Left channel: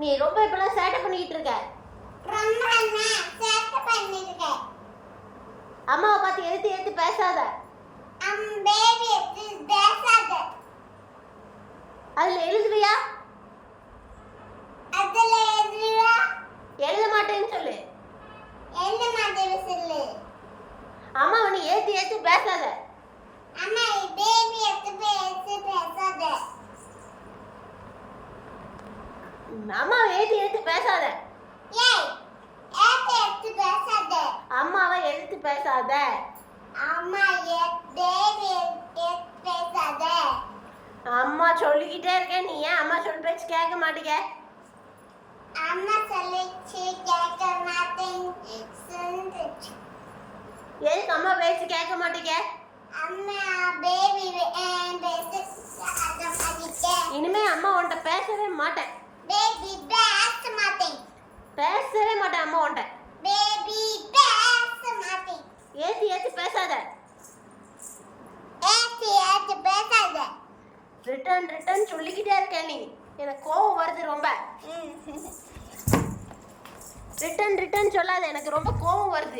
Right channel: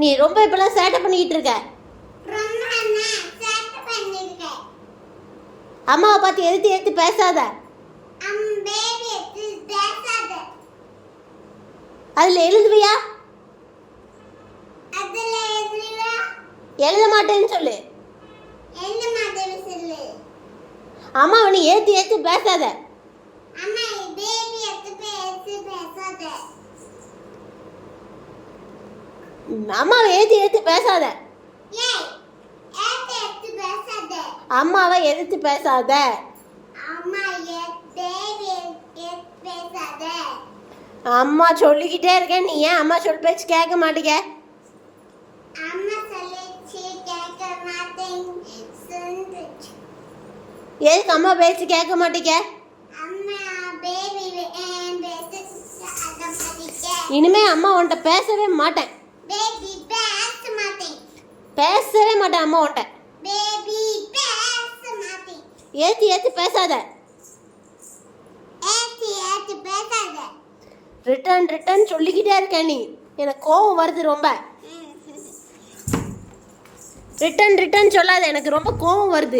நீ ரொம்ப இப்பெல்லாம் சேட்டை பண்ணிக்கிட்டு இருக்க. அம்மாவை பார்த்து எதிர்த்து எதிர்த்து பேசாத. அதுல எழுதுவியா? எழுத மாட்டேன்னு சொல்லு. அம்மாவை நீ ஏத்து ஏத்து பேசாத. அம்மாவை ஏத்து ஏத்து பேசாத. அம்மாவை எதிர்த்து பேசாத. அம்மா சொல்லிக்கிட்டே இருக்கேன், நீ ஏன் அம்மா சொல் பேச்சு கேட்க மாட்டேங்க? எதுக்கு அம்மா பேச்சு கேட்க மாட்டேங்க? இனிமே அம்மா உன்கிட்ட பேசவே மாட்டேன். பேசவே மாட்டேன் அம்மா உன்கிட்ட. ஏத்து ஏத்து பேசாத. ரிட்டர்ன் ரிட்டர்ன் சொல்லிக்கிட்டே இருக்க நீ. எனக்கு கோவம் வருது ரொம்ப. ரிட்டர்ன் ரிட்டர்ன் சொல்லாத, எனக்கு ரொம்ப கோவம் வருது.